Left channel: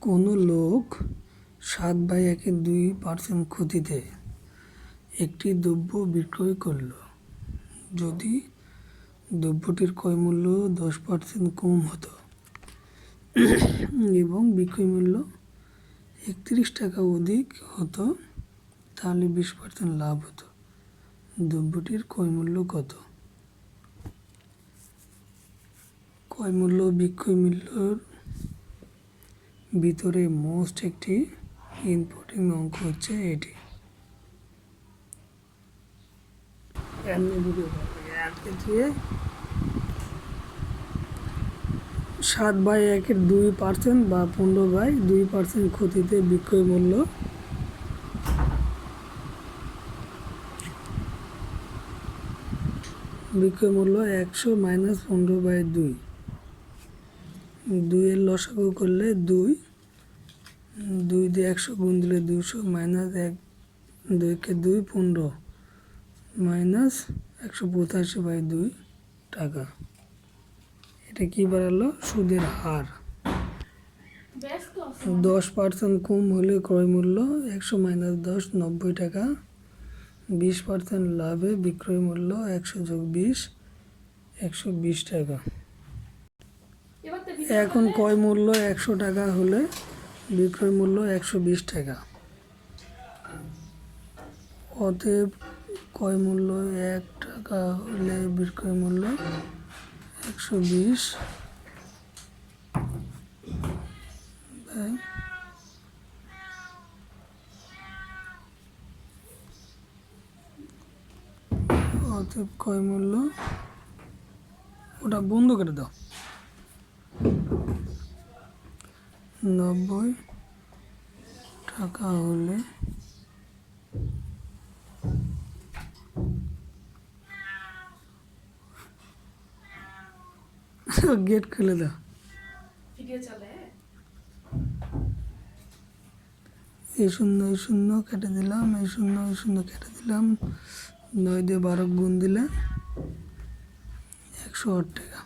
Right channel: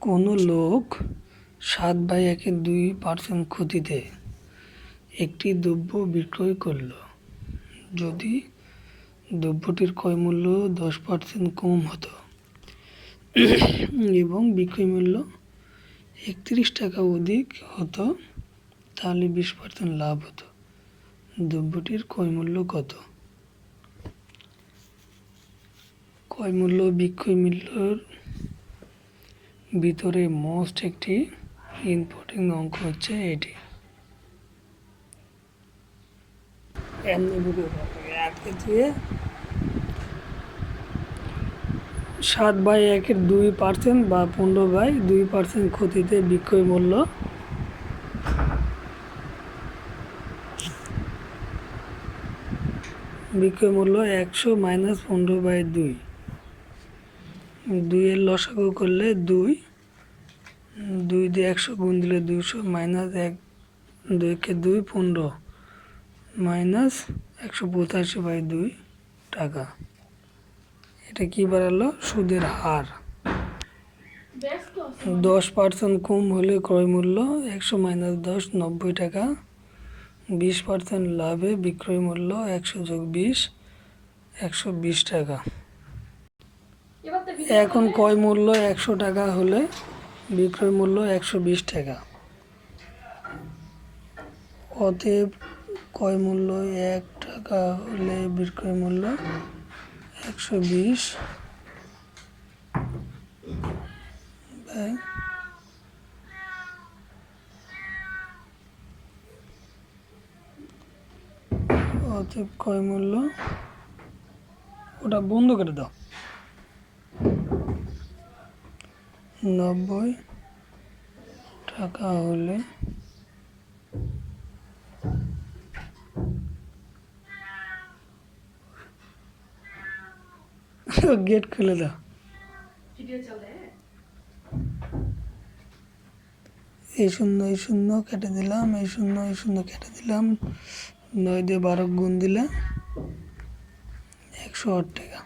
কোনো লোক সাত বাই একে দুই পার্সেন্ট ক্ষতিতে একটি দ্রব্য বিক্রয় করল। যদি দ্রব্যটির ক্রয় মূল্য দশ পার্সেন্ট কম হতো এবং বিক্রয় মূল্য একত্রিশ টাকা অধিক হতো, তাহলে বিশ পার্সেন্ট লাভ হতো। দ্রব্যটির ক্রয় মূল্য কত? ক্রয় মূল্য বিক্রয় মূল্যর ভিতরে মোস্ট একটি ইম্পর্টেন্ট অঙ্ক হচ্ছে এটি। সাত বাই একের দুই পার্সেন্ট বা পনেরো বাই দুই পার্সেন্ট ক্ষতিতে বিক্রয় মূল্য। বিক্রয় মূল্য একশো মাইনাস পনেরো বাই দুই। দুইয়ের লসাগু করলে দুই দুই দিয়ে একশো গুণ দিলে দুশো মাইনাস এক, দুইকে দুই পনেরো, মাইনাস একশো পঁচাশি বাই দুই টাকা। এটা কি বাড়ালো? সুদের হার। দশ পার্সেন্ট কম হলে ক্রয় মূল্য একশো মাইনাস দশ, নব্বই টাকা। বিশ পার্সেন্ট লাভে বিক্রয় মূল্য একশো যোগ বিশ, একশো বিশ টাকা। এখন ক্রয় মূল্য? একশো টাকা হলে বিক্রয় মূল্য একশো বিশ টাকা। অতএব ক্রয় মূল্য? এক টাকা হলে বিক্রয় মূল্য একশো বিশ। অতএব ক্রয় মূল্য? ওটা বন্ধ করে দাও। নব্বই টাকা হলে গেট খুলে দাও। এই শূন্য এই শূন্য কেটে দিলাম এই শূন্য এই শূন্য কেটে দিলাম। নয় দিয়ে বারো গুণ দিলে একশো আট টাকা।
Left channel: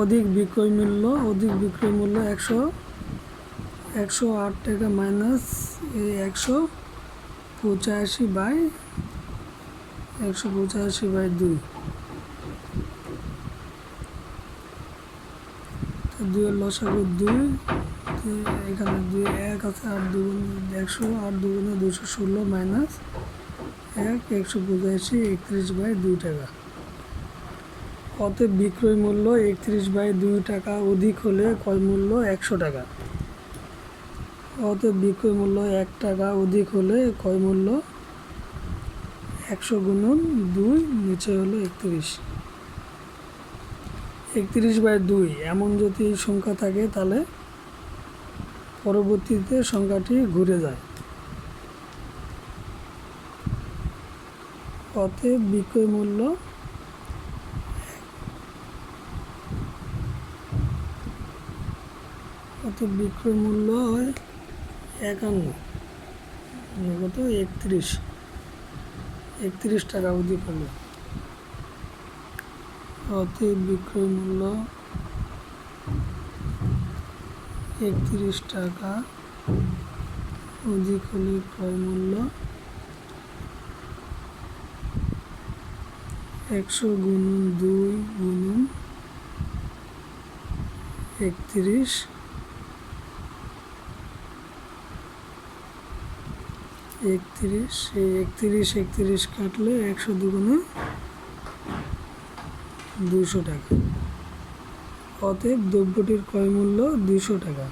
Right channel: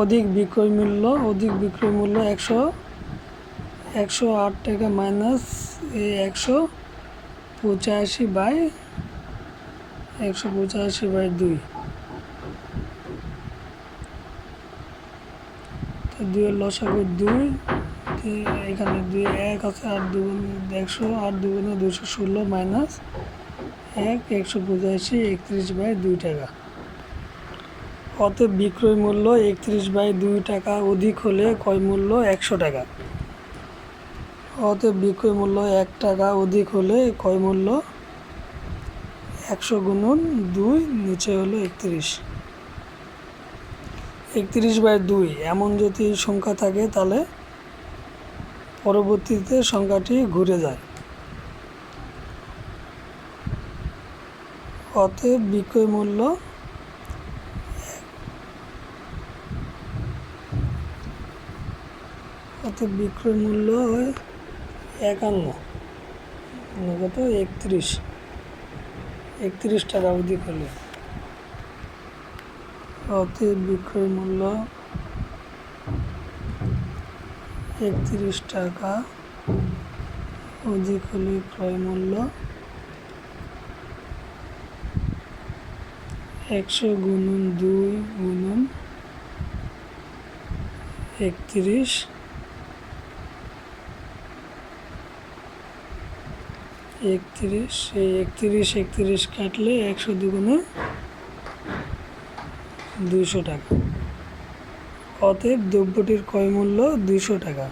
অধিক বিক্রয় মূল্য, অধিক বিক্রয় মূল্য একশো একশো আট টাকা মাইনাস এই একশো পঁচাশি বাই, একশো পঁচাশি বাই দুই। দুইয়ের লসাগু দুই এখানে দুই এক আছে আর দুগুণ একশো আর দুগুণে দুশো ষোলো মাইনাস এক, একশো পঁচাশি, একত্রিশ বাই দুই টাকা। অতএব বিক্রয় মূল্য একত্রিশ বাই দুই টাকা, অধিক হলে ক্রয় মূল্য একশো টাকা। অতএব বিক্রয় মূল্য এক টাকা, অধিক হলে ক্রয় মূল্য একশো গুণন দুই, নিচে হলো একত্রিশ। একত্রিশ বাই দুই, এমন যদি সংখ্যা থাকে তাহলে পরবর্তীতে সংখ্যাটি ঘুরে যায়। অতএব বিক্রয় মূল্য অতএব বিক্রয় মূল্য একান্ন। কত একত্রিশ। একত্রিশ টাকা অবধি হলো অতএব বিক্রয় মূল্য একত্রিশ টাকা অধিক হলে ক্রয় মূল্য একশো গুণন দুই গুণন একত্রিশ একত্রিশ, সেই একত্রিশ একত্রিশ কাটলে একশো দুগুণে দুইশো টাকা। অতএব দ্রব্যটির ক্রয় মূল্য দুশো টাকা।